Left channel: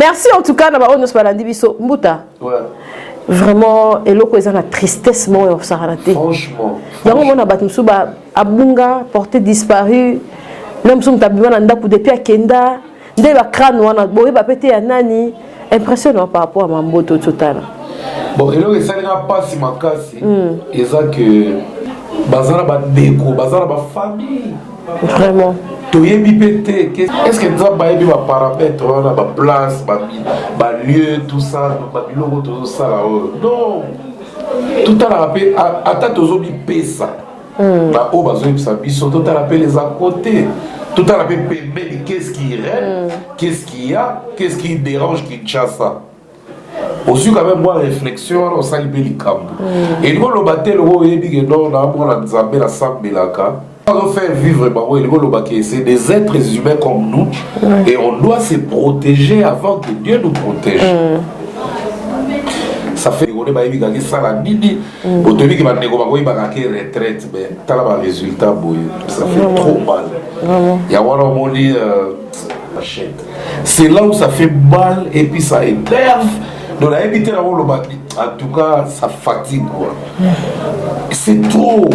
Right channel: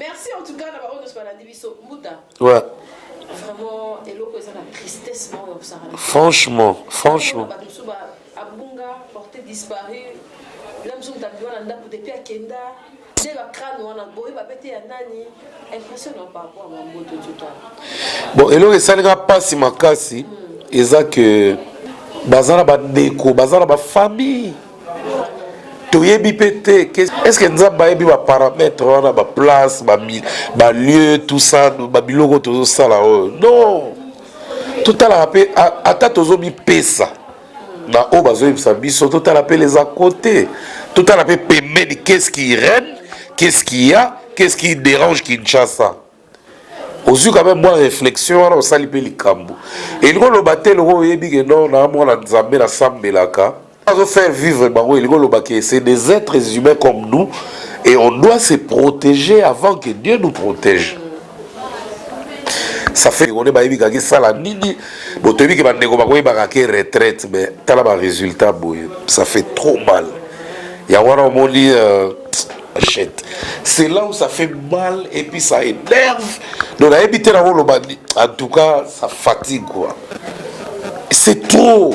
Merci en tout cas, on se parle biso Mbuta. Ouais. Vraiment, et l'autre, ils ont la tristesse, moi, ça a raté. Franchement. Donc, on a battu Moussouba, Abunga, porté disparu. Même si on a depuis à Kenda, dès la crâne, on a beau, pété à Nani. Impressionnant par rapport à Mamboto total. Bon, et là, ça ne va pas si ma casse. Et ça que. Bazala ba déco, bazala ba famille. Vraiment. Est-ce que nous avons des paramètres, on a des places, des lieux, tout ça, des logos, tout ça là? Non. Tout à l'heure, à tous les pesa. Na o bazoï sabiso, tout à l'heure les à côté. Tout à l'heure permet qu'est-ce qui règne, qu'est-ce qu'il y a, qu'est-ce qui dérange Kinshasa. Aussi quand même moi réflexion on s'allie les camps. Et nous le battre le haut et dit que non, on a mon Nzambe la Sambelaka. On faire vivre c'est des êtres humains comme nous et on doit se protéger avant que Dieu nous protège. Ça fait qu'on est pas évident que ça la nini au début qui va négocier ba retraite mais t'as la résultat boy ça fait trop mal. Il y a voilà on lit c'est là où ça fait mal et puis ça énerve. Donc la habité là en tout cas ça fatigue quoi. C'est trop.